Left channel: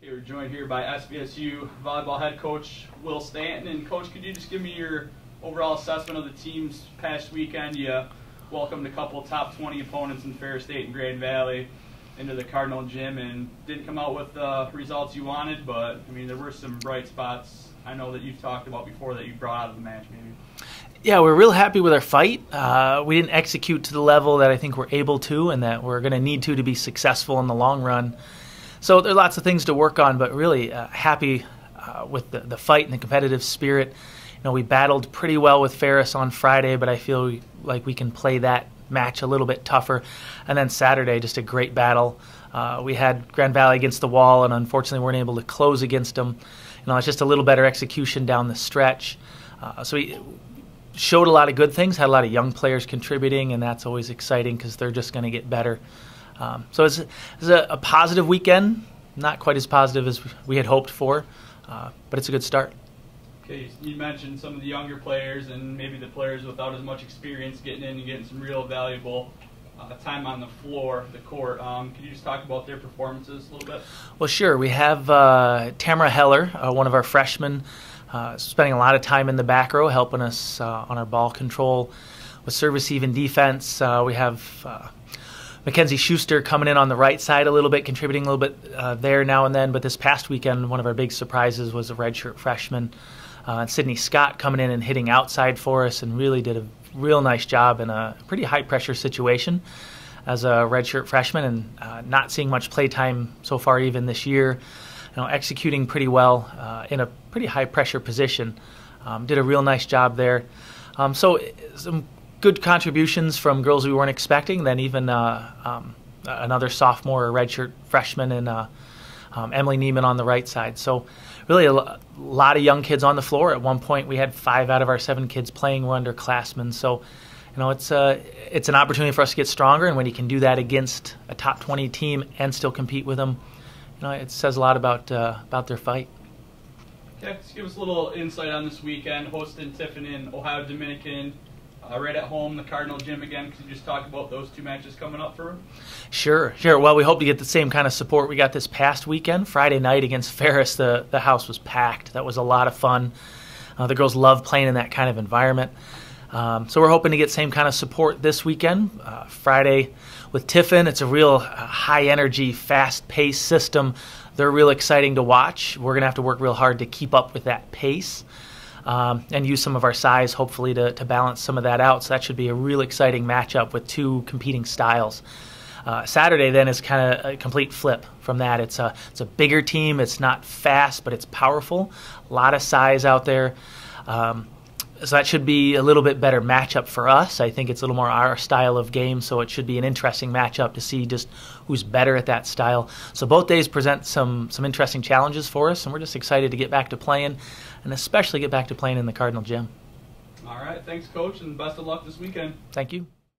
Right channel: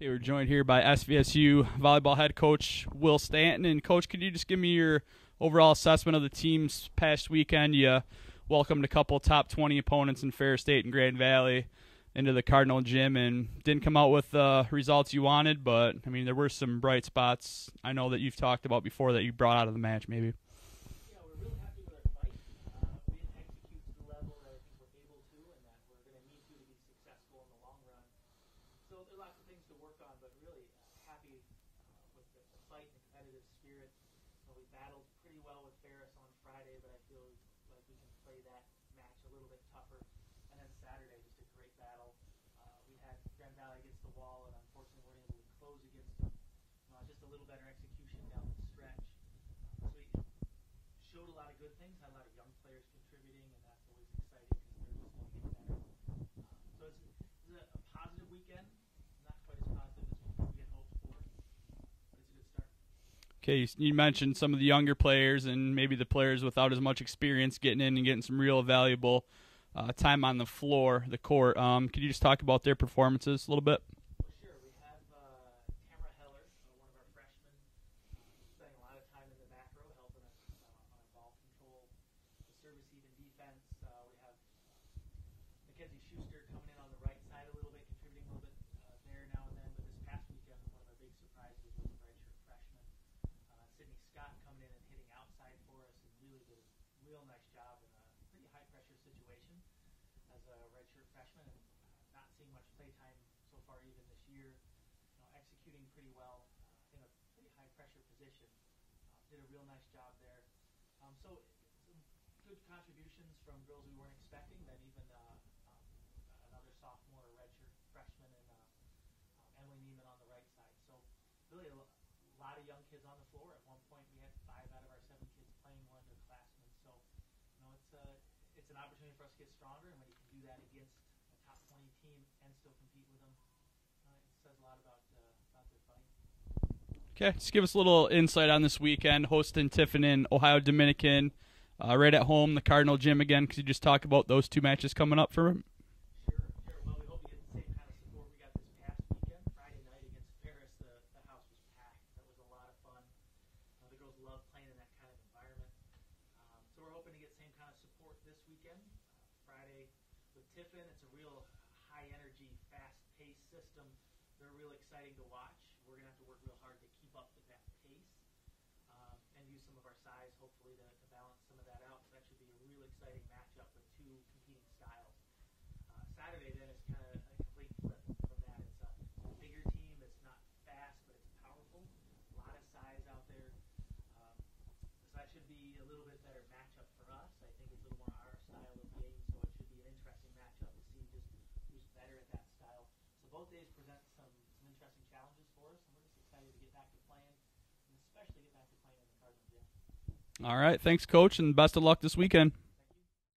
Okay, we're joined here by SVSU volleyball head coach Will Stanton. And Coach, could you just give me your overall assessment of the team's past weekend? You welcomed a couple top 20 opponents in Ferris State and Grand Valley into the Cardinal Gym and didn't come out with the results you wanted, but I mean there were some bright spots I know that you've talked about before that you brought out of the match maybe. Yeah, we're real happy with our fight. We didn't execute to the level that I think we're able to and that we're going to need to be successful in the long run. So there are lots of things to work on, but really happy with the fight and the competitive spirit. You know, we battled pretty well with Ferris on Friday, but I feel like we can play that match a little bit tougher. And then Saturday, just a great battle. We had Grand Valley against the wall, and unfortunately weren't able to close against them. You know, it's just a little better execution down the stretch. So we showed a lot of good things, had a lot of young players contributing, and that's always exciting because they're just going to get better. So it's a positive weekend, not quite as positive as we had hoped for, but it's a good start. Okay, you mentioned some of the younger players and maybe the players without as much experience getting in and getting some real valuable time on the floor, the court. Could you just talk about their performances a little bit? Well, sure. We have Tamara Heller, one of our freshmen, spending a lot of time in the back row helping us on our ball control with service even defense. We have Mackenzie Schuster coming in on the right side a little bit, contributing a little bit there now and then. But this past weekend, one of our big surprises was a redshirt freshman, Sydney Scott, coming in and hitting outside for us and really did a real nice job in a pretty high-pressure situation as a redshirt freshman and not seeing much play time so far even this year. You know, executing pretty well in a pretty high-pressure position. Did a real nice job there. So some good contributions from girls we weren't expecting, then even another sophomore or redshirt freshman and Emily Neiman on the right side. So really a lot of young kids on the floor. At one point we had 5 out of our 7 kids playing were underclassmen. So you know, it's an opportunity for us to get stronger, and when you can do that against a top 20 team and still compete with them, you know, it says a lot about their fight. Okay, just give us a little insight on this weekend, hosting Tiffin and Ohio Dominican. Right at home, the Cardinal Gym again. Could you just talk about those 2 matches coming up for them? Sure. Well, we hope to get the same kind of support we got this past weekend. Friday night against Ferris, the house was packed. That was a lot of fun. The girls love playing in that kind of environment. So we're hoping to get same kind of support this weekend. Friday with Tiffin, it's a real high-energy, fast-paced system. They're real exciting to watch. We're going to have to work real hard to keep up with that pace. And use some of our size, hopefully, to balance some of that out. So that should be a real exciting matchup with 2 competing styles. Saturday, then, is kind of a complete flip from that. It's a bigger team. It's not fast, but it's powerful. A lot of size out there. So that should be a little bit better matchup for us. I think it's a little more our style of game, so it should be an interesting matchup to see just who's better at that style. So both days present some interesting challenges for us, and we're just excited to get back to playing, and especially get back to playing in the Cardinal Gym. All right, thanks, Coach, and best of luck this weekend. Thank you.